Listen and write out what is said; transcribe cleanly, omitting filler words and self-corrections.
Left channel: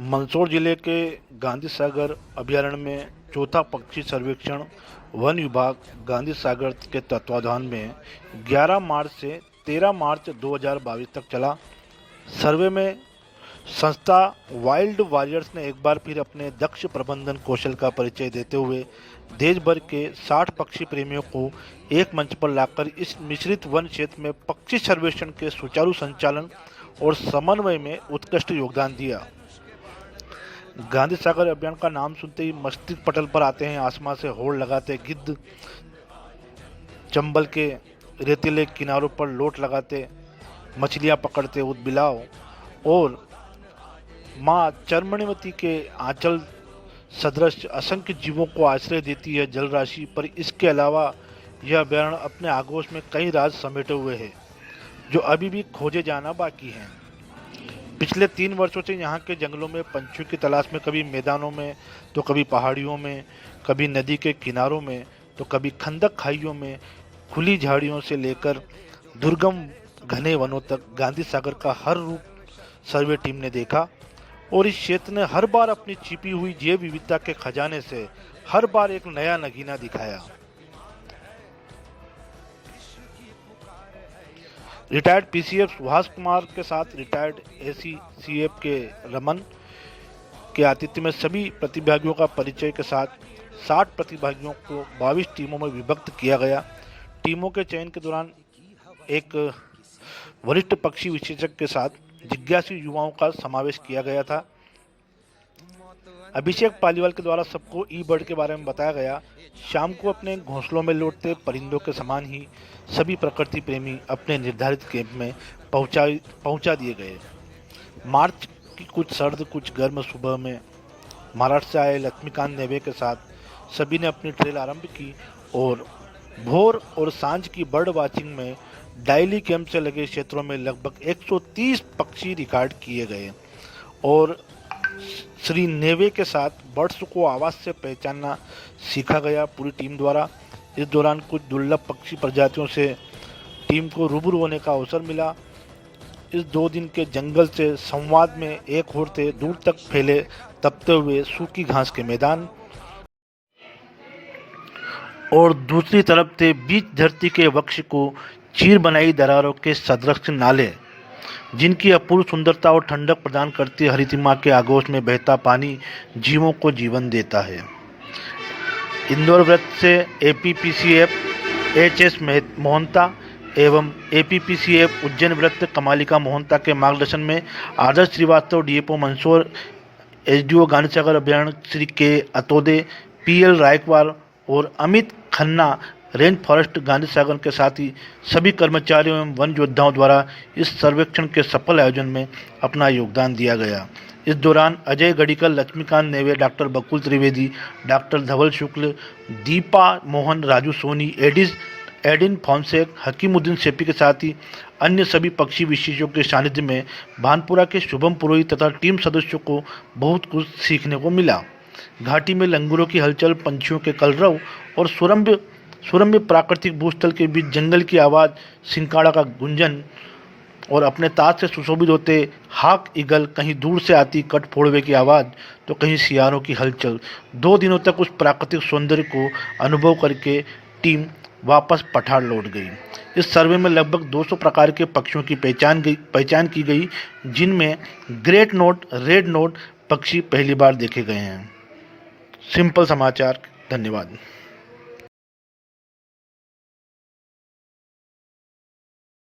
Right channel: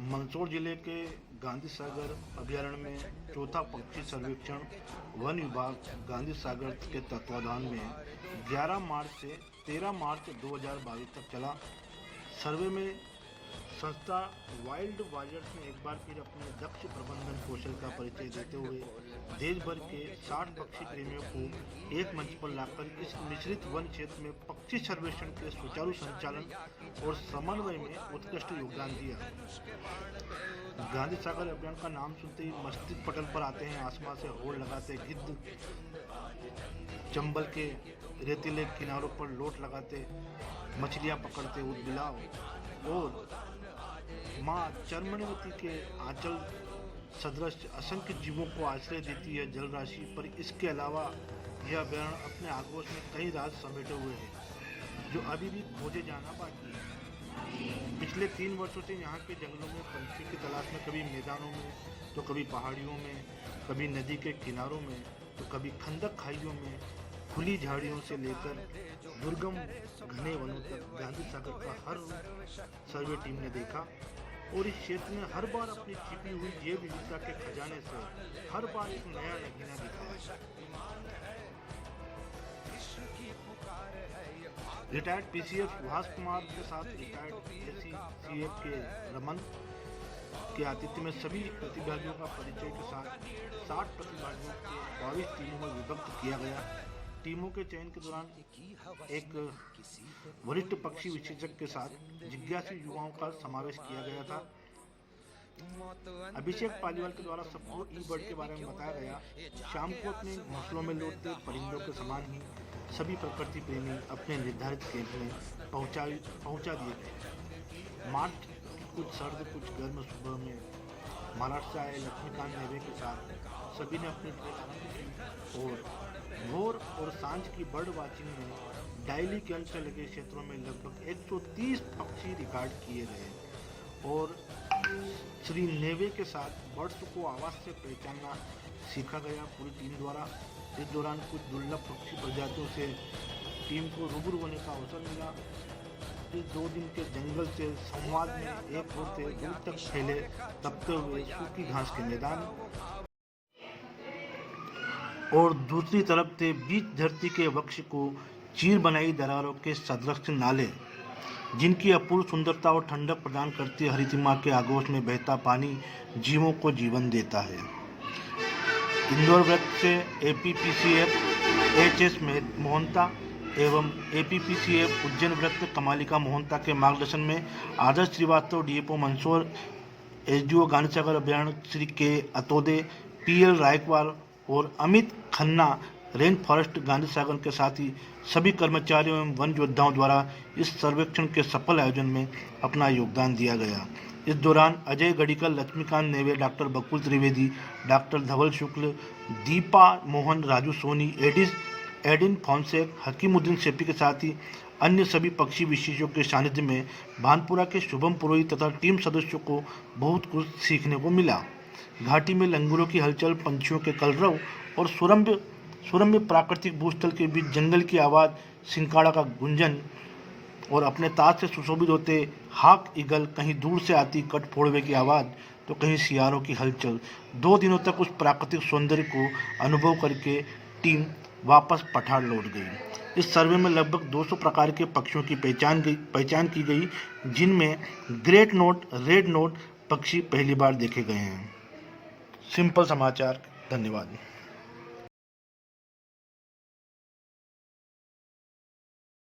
मंदसौर जिले के गांधी सागर अभयारण्य में चौथा पक्षी सर्वेक्षण वन विभाग गांधी सागर के तत्वाधान में 11 मार्च से 13 मार्च 2022 तक चला। सर्वे में संस्था वाइल्ड वॉरियर्स ने एक बार फिर अपने दक्ष प्रबंधन कौशल का परिचय देते हुए देश भर के 60 पक्षी प्रेमियों को एक मंच पर लाकर इस मिश्रित वन क्षेत्र में पक्षी सर्वेक्षण के सुचारू संचालन और समन्वय में उत्कृष्ट योगदान दिया। गांधी सागर अभियान का नाम सुनते ही मस्तिष्क पटल पर आते हैं आसमान से होड़ लगाते गिद्ध, चंबल के रेतीले किनारों पर लोट लगाते मछलियां पकड़ते ऊदबिलाव और माँ चरमणीवती के आंचल सदृश असंख्य जीवों को आश्रय देती है जल राशि। पर इसके अलावा यह अभयारण्य अपने आगोश में कई राज समेटे हुए है जो अभी भी खोजे जाना बाकी है। पिछले 3 वर्षों से यहाँ के जंगलों में पंछियों की तलाश में कभी मैदानों में तो कभी पहाड़ियों में, कभी नदी के किनारों में तो कभी खंदक खाइयों में, खुली झाड़ियों से लेकर दुर्गम घने वनों तक गांधी सागर का हर रूप सर्वे टीम ने देखा और इस क्षेत्र ने हर बार अपनी छिपी हुई जैव विविधता के खजाने से हर बार एक नया नगीना दिखाया। रिटायर्ड पीसीएफ सुभाष कुमार के साथ रिटायर्ड एसीसीएफ के रमन के आतिथ्य में सभी प्रतिभागियों का परिचय के साथ 60 प्रतिभागियों को 22 टीमों में विभक्त किया गया। टीमों के चयन के दौरान एक वरिष्ठ पक्षी विशेषज्ञ के साथ जिज्ञासु युवाओं का समावेश किया गया था। अभिषेक पालीवाल के द्वारा सबको ई बर्ड के बारे में बताया गया। शाम को अपने घोंसलों में लौटते परिंदों के समान ही सभी प्रकृति प्रेमी अपने निर्धारित कैंप में पहुंचा दिए गए। मार्च की कुछ सर्द कुछ गर्म सुबह में महाराष्ट्र से आए लक्ष्मीकांत नेवे के साथ सभी ने अपनी ट्रेल आरंभ की और भोर और सांझ की बर्ड वाचिंग में डायली कैंप से लगे क्षेत्रों में लगभग 130 पक्षी रिकॉर्ड किए गए और श्री नेवे के साथ बर्ड्स को आवाज़ से पहचानना सीखा गया पूरी टीम द्वारा। इस दौरान कुछ दुर्लभ पक्षी प्रजातियों से टीम को रूबरू होने का अवसर मिला। इस 2 दिन के जंगल से संवाद में एक ओर थे दूर तक फैले तपते हुए सूखी घास के मैदान और दूसरी तरफ थे बीच धरती के वक्ष को चीर बनाई दरारों के सदृश नाले जिनकी अपूर्व सुंदरता और ठंडक प्रदान करती हरितिमा के आगोश में बहता पानी जीवों को जीवन देता है। इंदौर वृत्त से एपीपीसीएफ एचएस मोहंता एवं एपीपीसीएफ उज्जैन वृत्त कमालिका मोहंता के मार्गदर्शन में आदर्श श्रीवास्तव डीएफओ मंदसौर, एसडीओ गांधी सागर अभयारण्य श्री के अतोदे, पीएल रायकवार और अमित खन्ना रेन फॉरेस्ट गांधी सागर के साथ ही सभी कर्मचारियों एवं वन योद्धाओं द्वारा इस सर्वेक्षण के सफल आयोजन में अपना योगदान दिया गया। इस दौरान अजय गढ़ीकर, लक्ष्मीकांत नेवे, डॉक्टर बकुल त्रिवेदी, डॉक्टर धवल शुक्ल, दीपा मोहन, राजू सोनी, एडिन फॉन्सेक, हकीमुद्दीन सेपी के साथ ही अन्य सभी पक्षी विशेषज्ञों के सानिध्य में भानपुरा के शुभम पुरोहित तथा टीम सदस्यों को बहुत कुछ सीखने को मिला। घाटी में लंगूरों की हलचल, पंछियों के कलरव और सुरम्य प्राकृतिक भूस्थल के बीच जंगल की आवाज़, सिंकाड़ा का गुंजन और अपने ताज से सुशोभित होते हाक ईगल, कहीं दूर से आती कटफोड़वे की आवाज़ तो कहीं सियारों की हलचल। 2 दिनों तक उस प्राकृतिक सौंदर्य को अनुभव करके टीम वापस पठार लौट गई। इस सर्वे में लगभग 200 प्रकार के पक्षियों की पहचान की गई जिनमें ग्रेट नोट, रेड नोट पक्षी पहली बार देखे गए हैं। सिंपल समाचार। धन्यवाद।